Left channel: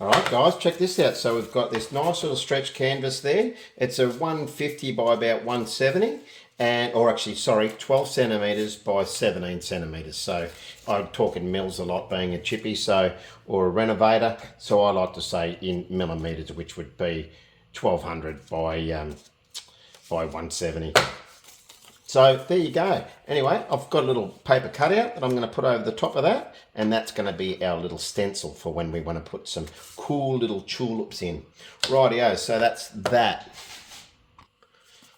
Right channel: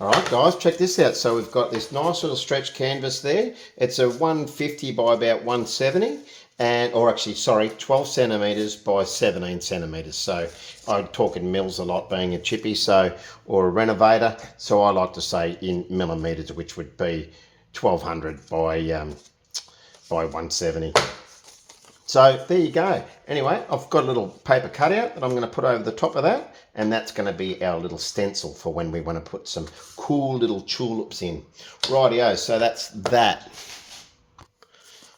All right, guys, check this out. So we've got this nice little stretch canvas there. It's a 150 by about 170, or actually, sorry, 12 centimetres by 17 centimetres. So I talk in mils a lot, being a chippy, or a renovator. So I like to say in millimetres, which would be 1200 by 170. So there you go. Anyway, I've got a little paper cutout that I'm going to put over the top of that, and that's going to be our little stencil for when we want to put some cool little tulips in. Rightio, so that's that.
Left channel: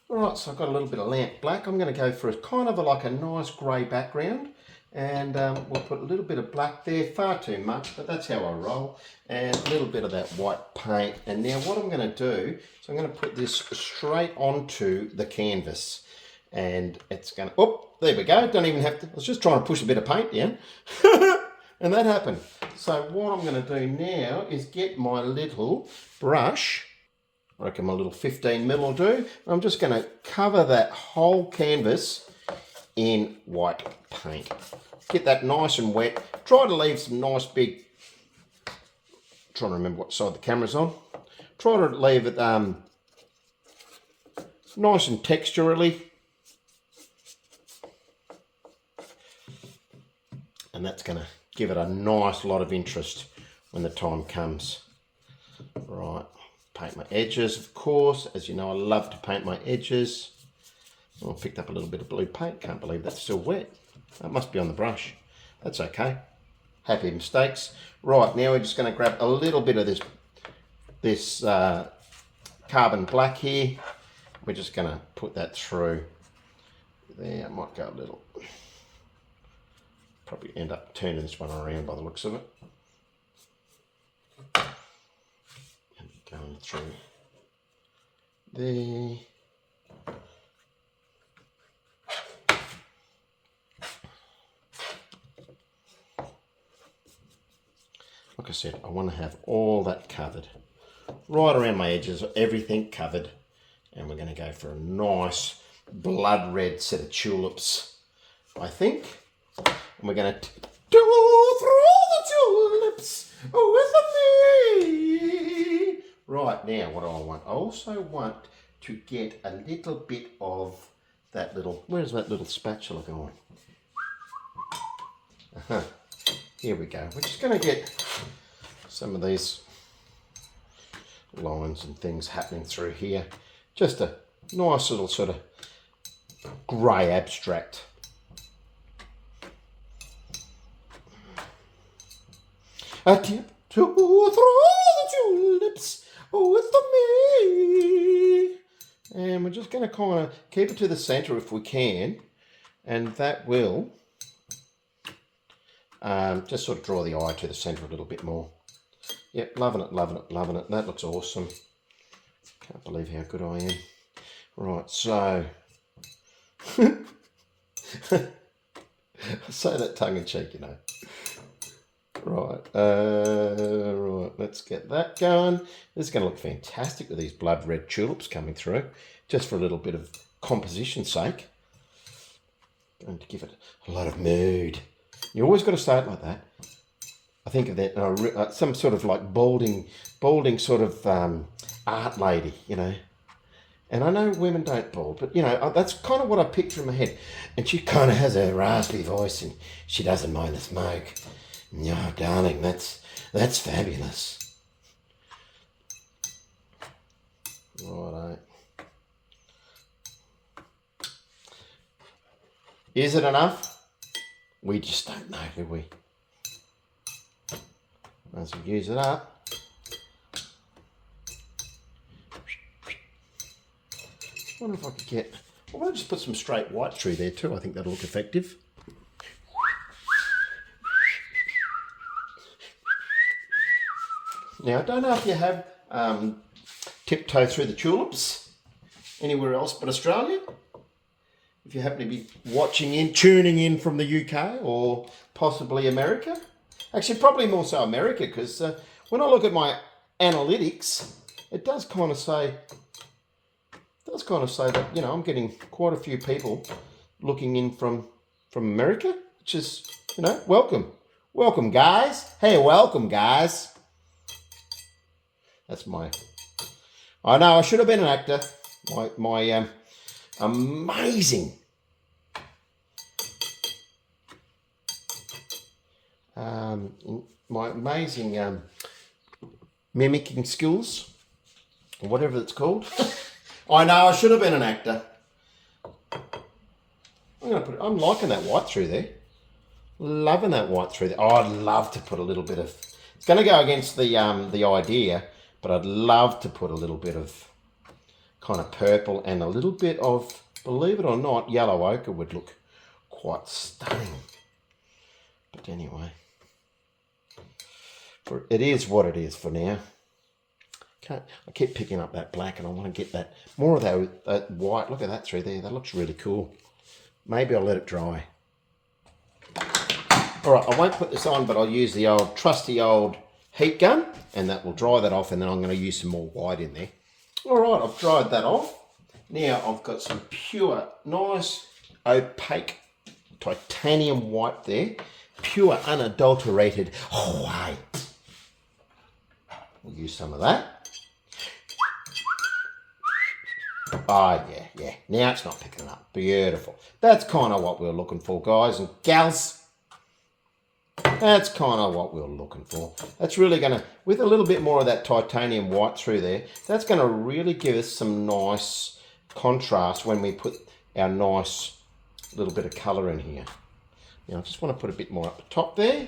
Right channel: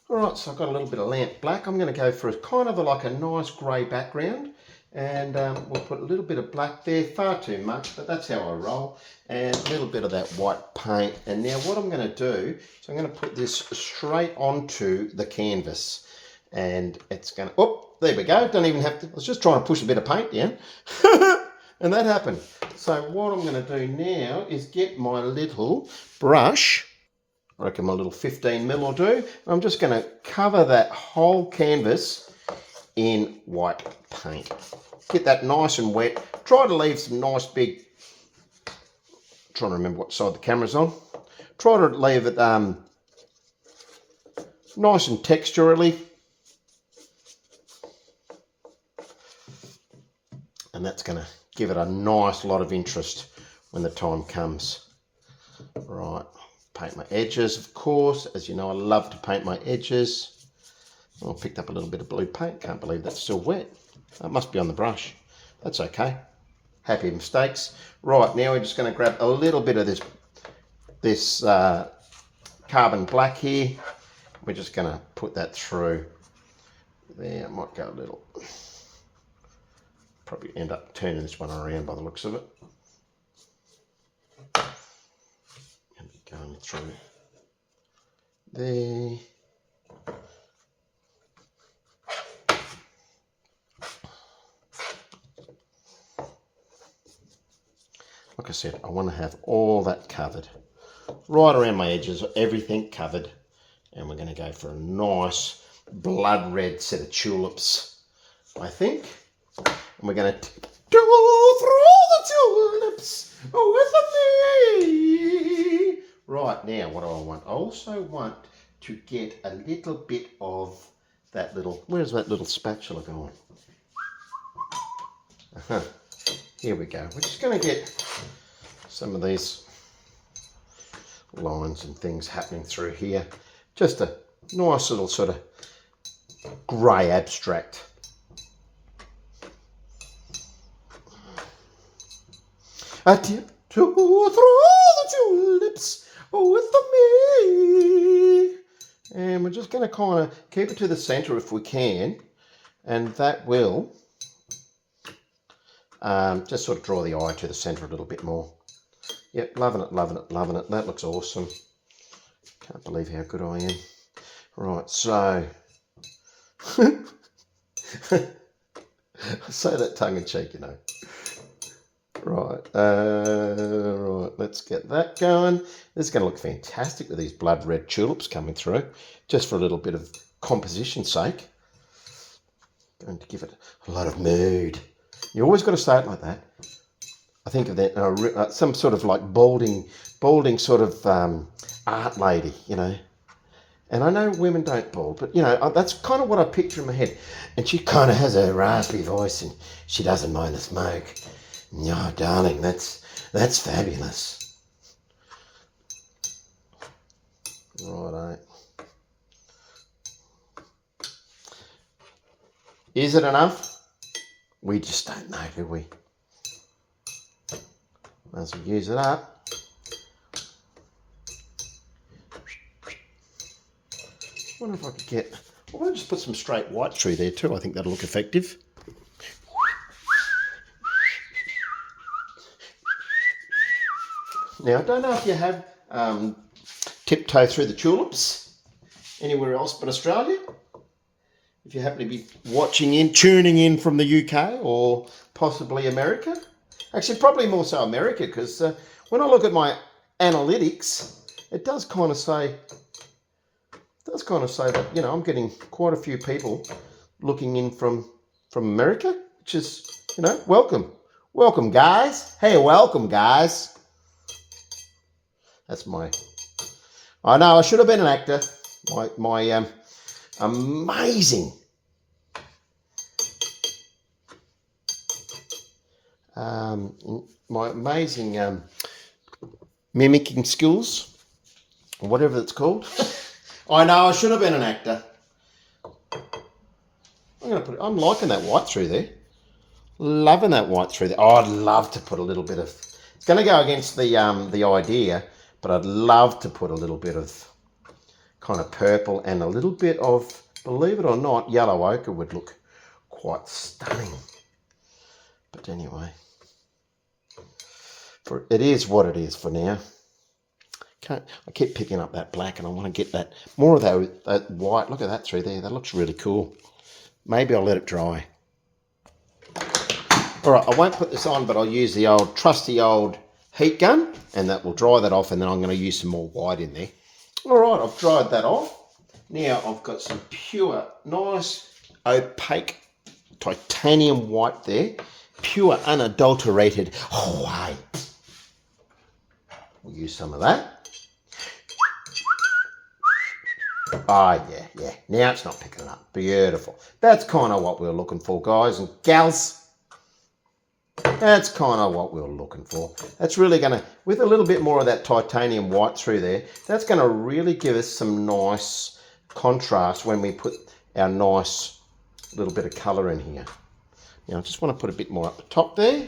All right, so I've got a little bit of lamp black. I'm going to go for like a nice grey background, and we'll put a little bit of black there, far too much, but that's how I roll, and a little bit of that white paint. And now what I'm going to do is I'm going to put this straight onto the canvas. And it's going to, oh, there we go. Don't even have to, I was just trying to push a bit of paint down. And that happened. So what I'm going to do now is get my little brush. I reckon my little 15 mil will do. I'm just going to cover that whole canvas in white paint. Get that nice and wet. Try to leave some nice big, trying to remember what side the camera's on. Try to leave it nice and texturally. And that's going to give it a nice lot of interest when the time comes. Right, paint my edges, of course. As you know, I love to paint my edges. I picked up a little bit of blue paint. Can't believe that's still wet. That must be on the brush. That's okay. Happy mistakes. Right, now we're just going to grab a little bit of this carbon black here. We're just going to put that through. There, I might go a little. Probably end up turning this one around by the looks of it. And going through there. Like I said, I want to have all that covered. Right around my edges, everything covered. And we're going to go for a nice blood red set of tulips, I think. And we're going to go through the tulips with me. Right, now what do I want? I also want to get a little bit of that little, where's that little spatula going? Here we go. We're just going to get some of these lines and things happening through here. Just a nice little sort of grey abstract. I tiptoe through the tulips with me. And we're just going to kind of keep it to the centre if we can. And that will just sort of draw the eye to the centre a little bit more. Yep, loving it, loving it, loving it. That looks awesome. Can't believe how good I am. Right, so... I say that tongue in cheek, you know. Right, right, let's get that going. This is going to look fantastic with these blood red tulips coming through, just for a little bit of composition's sake. Going to give it a lot of mood. You always got to say it like that. I think of that, some sort of like balding sort of art lady, you know. And I know women don't bald, but, you know, that's kind of what I picture in my head. And she kind of has a raspy voice and she doesn't mind the smoke. Oh, darling, that's fabulous. Righto. Is it enough? We just don't know, do we? As we use it up. I wonder if I could get... I want to just put some straight white through there too. I think that'll look effective. Now, I don't know if you have tiptoe through the tulips anywhere else but Australia. If you happen to be tuning in from the UK or possibly America. Actually, probably more so America, because when I look at my analytics, it does kind of say that, you know, I'm getting quite a few people looking in from America, which is, you know, welcome. Welcome, guys. Hey, welcome, guys. That's my... I know, I should have been an actor. My amazing my amazing mimicking skills, or whatever it's called. I know, I should have been an actor. I'm liking that white through there. Loving that white through there. Oh, I'd love to put a little bit of... It's going to go against the idea, but I'd love to put a little bit of kind of purple and a little bit of, believe it or not, yellow ochre would look quite stunning. But anyway, it is what it is for now. I keep picking up that black and I want to get that more of that white. Look at that through there. That looks really cool. Maybe I'll let it dry. All right, I won't put this on, but I'll use the old trusty old heat gun, and that will dry that off, and then I'm going to use some more white in there. All right, I've dried that off. Now I've got some pure, nice, opaque titanium white there. Pure, unadulterated white. We'll use some of that. Ah, yeah. Now it's not picking up. Beautiful. That's kind of what we're looking for, guys and gals. That's kind of what we were looking for. That's really going to, with a little bit more of that titanium white through there, that's going to really give us some nice contrast when we put our nice little bit of colour in here. Now I just want to put a bit more up the top there.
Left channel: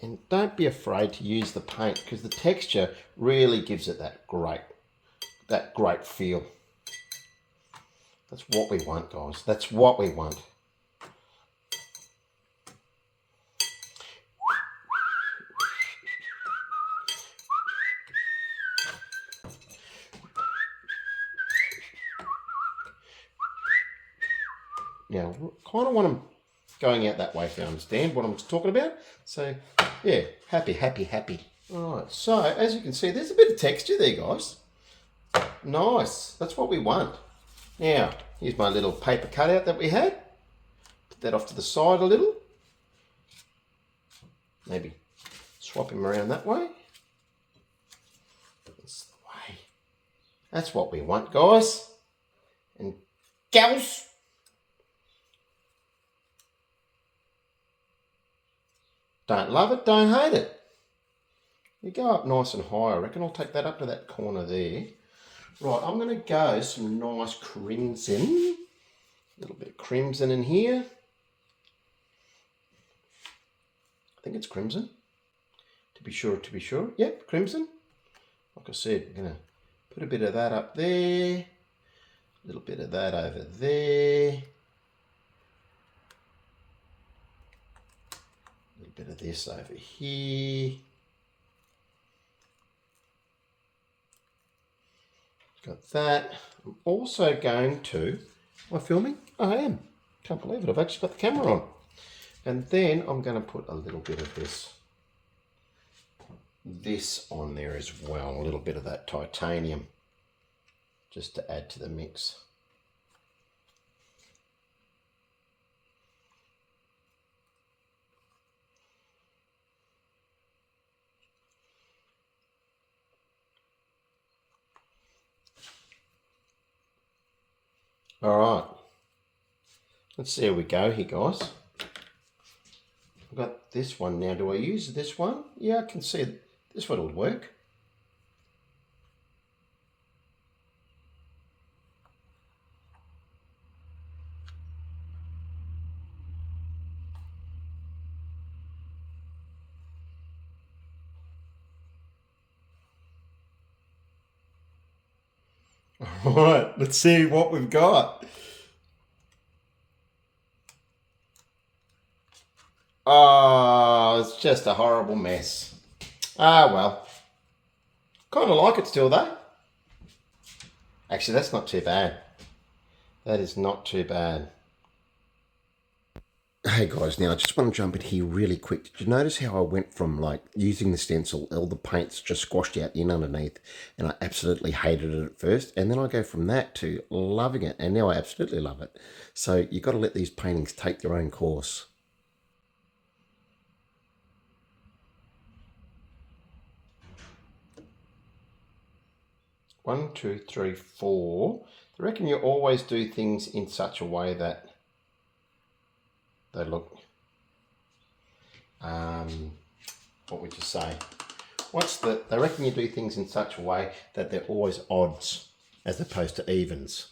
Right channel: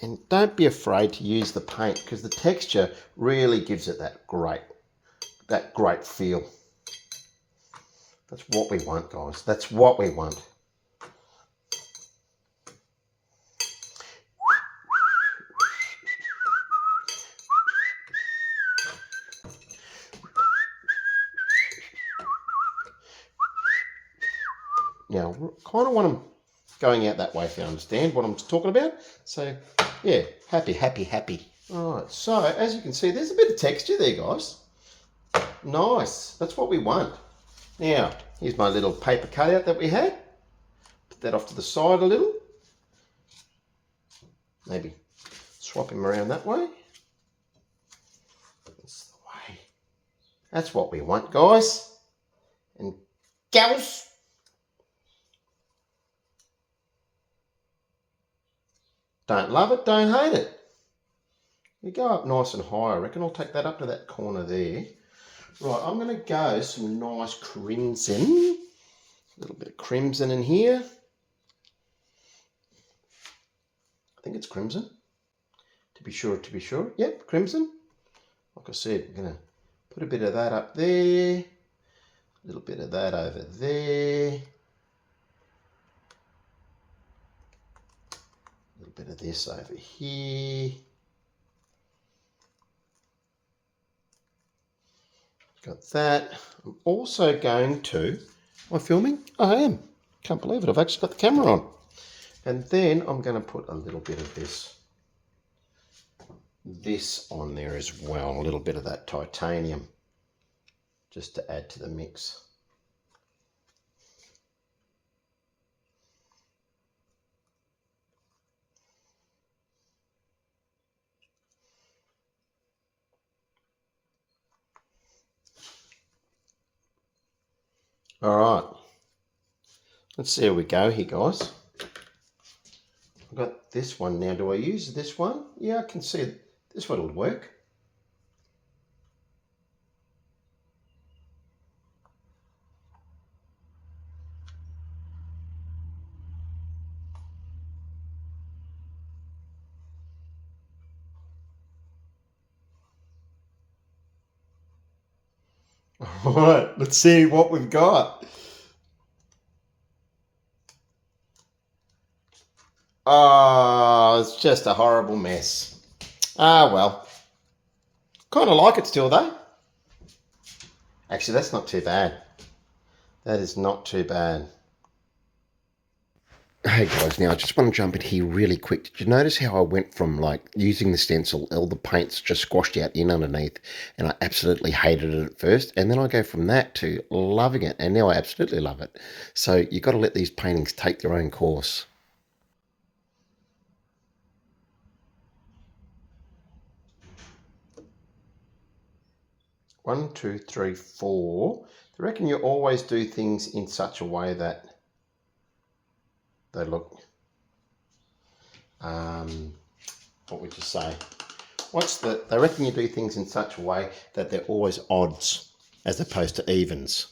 And don't be afraid to use the paint, because the texture really gives it that great feel. That's what we want, guys. That's what we want. Now, kind of want them going out that way if you understand what I'm talking about. So, yeah, happy. All right, so as you can see, there's a bit of texture there, guys. Nice. That's what we want. Now, here's my little paper cutout that we had. Put that off to the side a little. Maybe swap him around that way. That's the way. That's what we want, guys and gals. Don't love it, don't hate it. You go up nice and high. I reckon I'll take that up to that corner there. Right, I'm going to go some nice crimson. A little bit of crimson in here. I think it's crimson. To be sure. Yep, crimson. Like I said, I'm going to put a bit of that up there. A little bit of that over there. A little bit of this over here. Got that. I'm also going to... Am I filming? I am. Can't believe it. I've actually got the camera on. And then I'm going to put a little bit of this on there as well. A little bit of that titanium. Just to add to the mix. All right, let's see how we go here, guys. I've got this one now. Do I use this one? Yeah, I can see it. This one will work. All right, let's see what we've got. Oh, it's just a horrible mess. Ah, well. Kind of like it still, though. Actually, that's not too bad. That is not too bad. Hey guys, now I just want to jump in here really quick. Did you notice how I went from like using the stencil, all the paint's just squashed out in underneath, and I absolutely hated it at first, and then I go from that to loving it, and now I absolutely love it. So you got to let these paintings take their own course. 1, 2, 3, 4. I reckon you always do things in such a way that they look, what would you say? They reckon you do things in such a way that they're always odds as opposed to evens.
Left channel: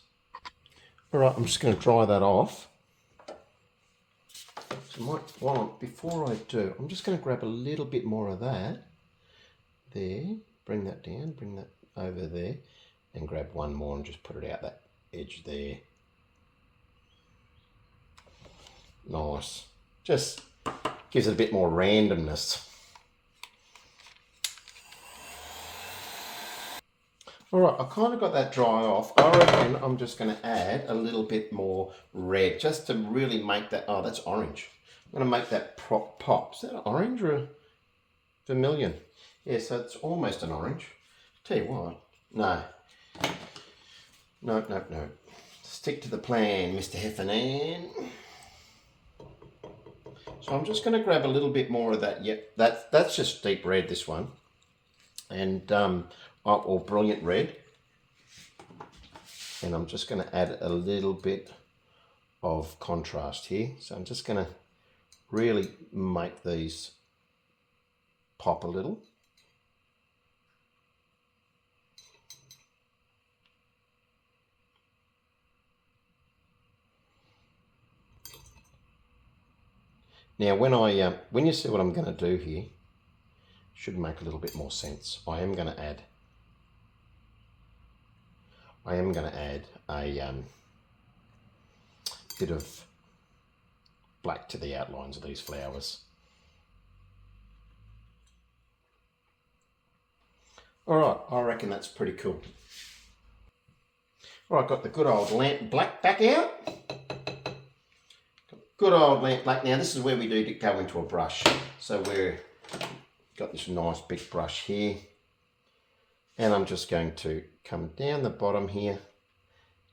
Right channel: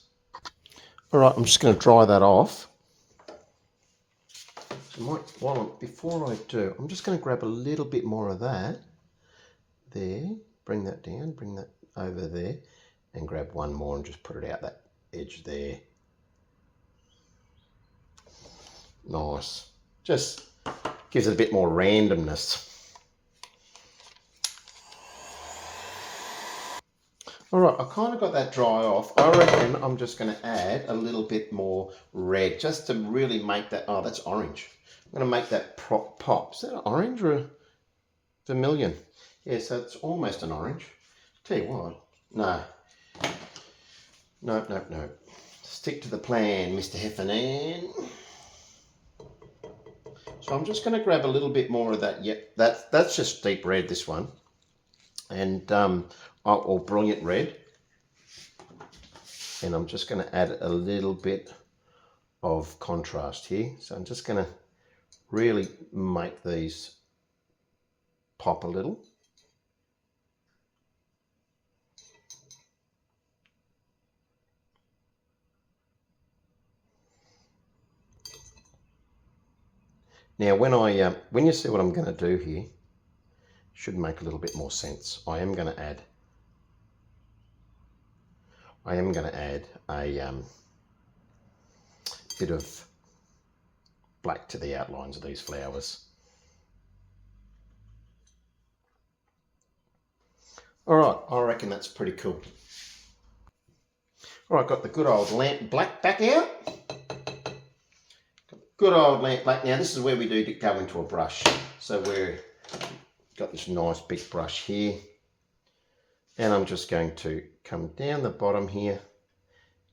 All right, I'm just going to dry that off. So before I do, I'm just going to grab a little bit more of that. There, bring that down, bring that over there, and grab one more and just put it out that edge there. Nice. Just gives it a bit more randomness. All right, I kind of got that dry off. I reckon I'm just going to add a little bit more red just to really make that, oh, that's orange. I'm going to make that pop. Is that orange or a vermilion? Yeah, so it's almost an orange. Tell you what, no. No. Stick to the plan, Mr. Heffernan. So I'm just going to grab a little bit more of that. Yep, that's just deep red, this one. And, or brilliant red. And I'm just going to add a little bit of contrast here. So I'm just going to really make these pop a little. Now, when you see what I'm going to do here, should make a little bit more sense. I am going to add a bit of black to the outlines of these flowers. All right, I reckon that's pretty cool. All right, got the good old lamp black back out. Good old lamp black. Now this is where we do go into a brush. So we've got this nice big brush here. And I'm just going to come down the bottom here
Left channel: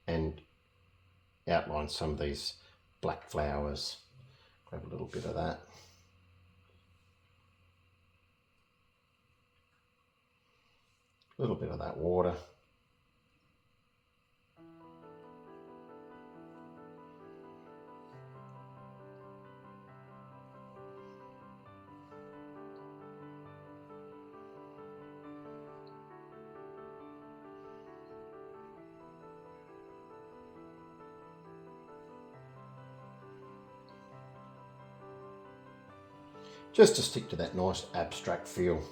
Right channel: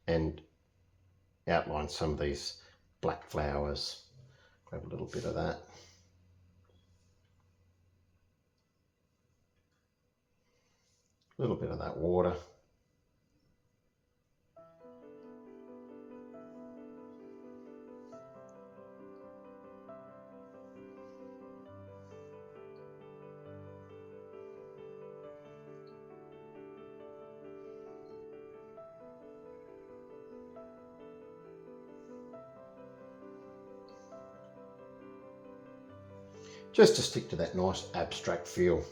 and outline some of these black flowers. Grab a little bit of that. A little bit of that water. Just to stick to that nice abstract feel.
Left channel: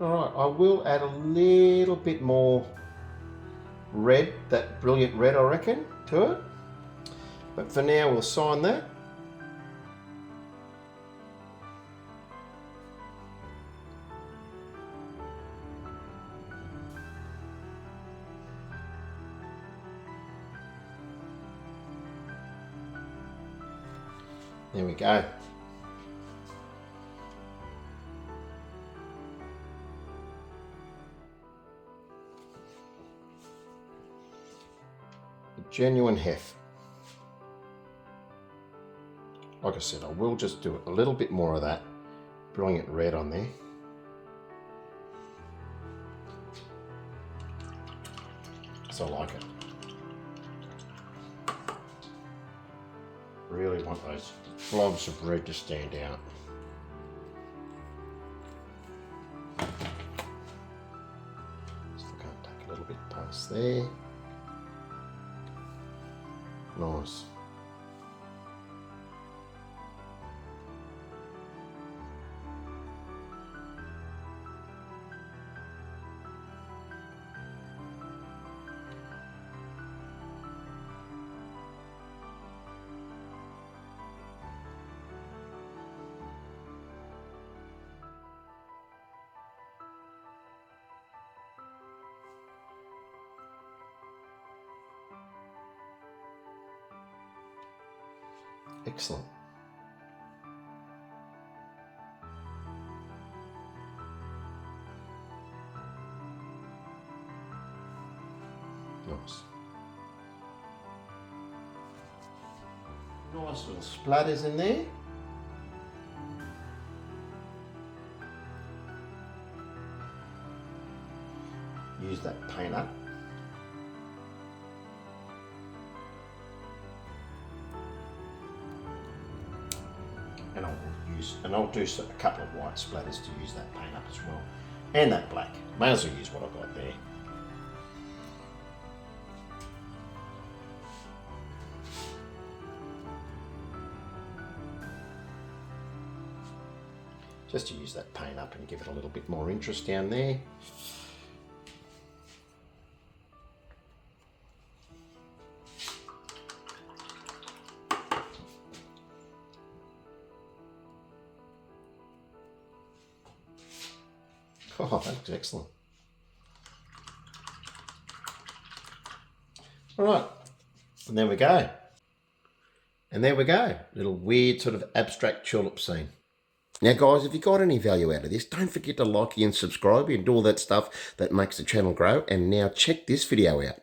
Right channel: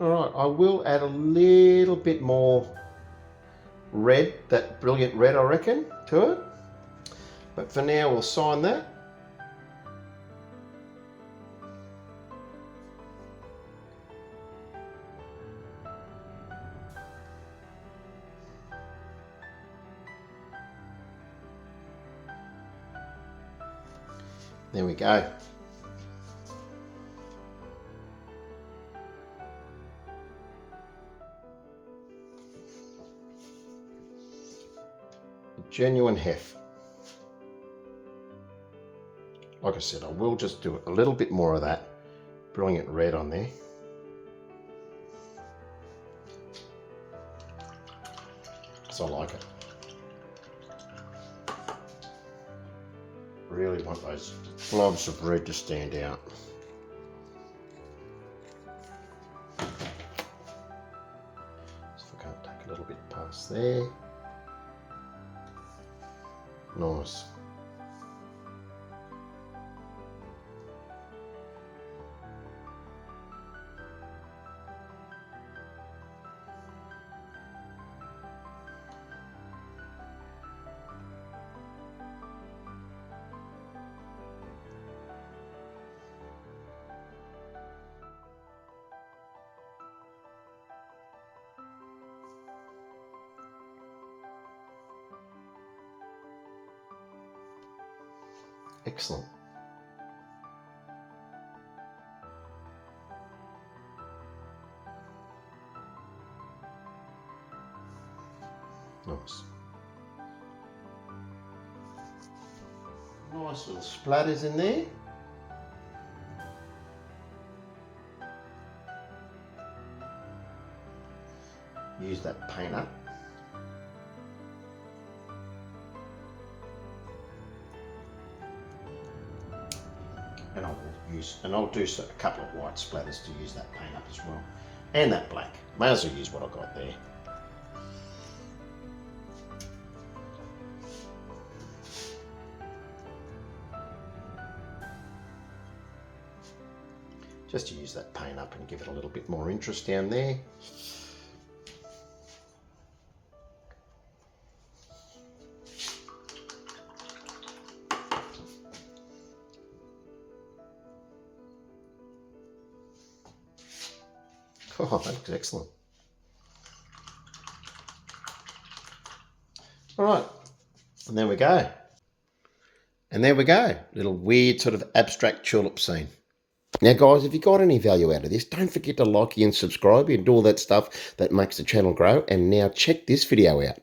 All right, I will add a little bit more red, that brilliant red, I reckon, to it. But for now, we'll sign that. There we go. A genuine hef. Like I said, I will just do a little bit more of that brilliant red on there. So I like it. Really want those blobs of red to stand out. So I can't take a little bit past there. Nice. Excellent. Nice. Nice little splatters in there. Use that painter. And I'll do a couple of white splatters to use that paint up as well. And that black. May as well use what I got there. Just to use that paint up and give it a little bit more interest down there. Oh, that's excellent. All right, and there we go. And there we go, little weird sort of abstract tulip scene. Now guys, if you got any value out of this, don't forget to like and subscribe and do all that stuff that makes the channel grow. And now check this video out.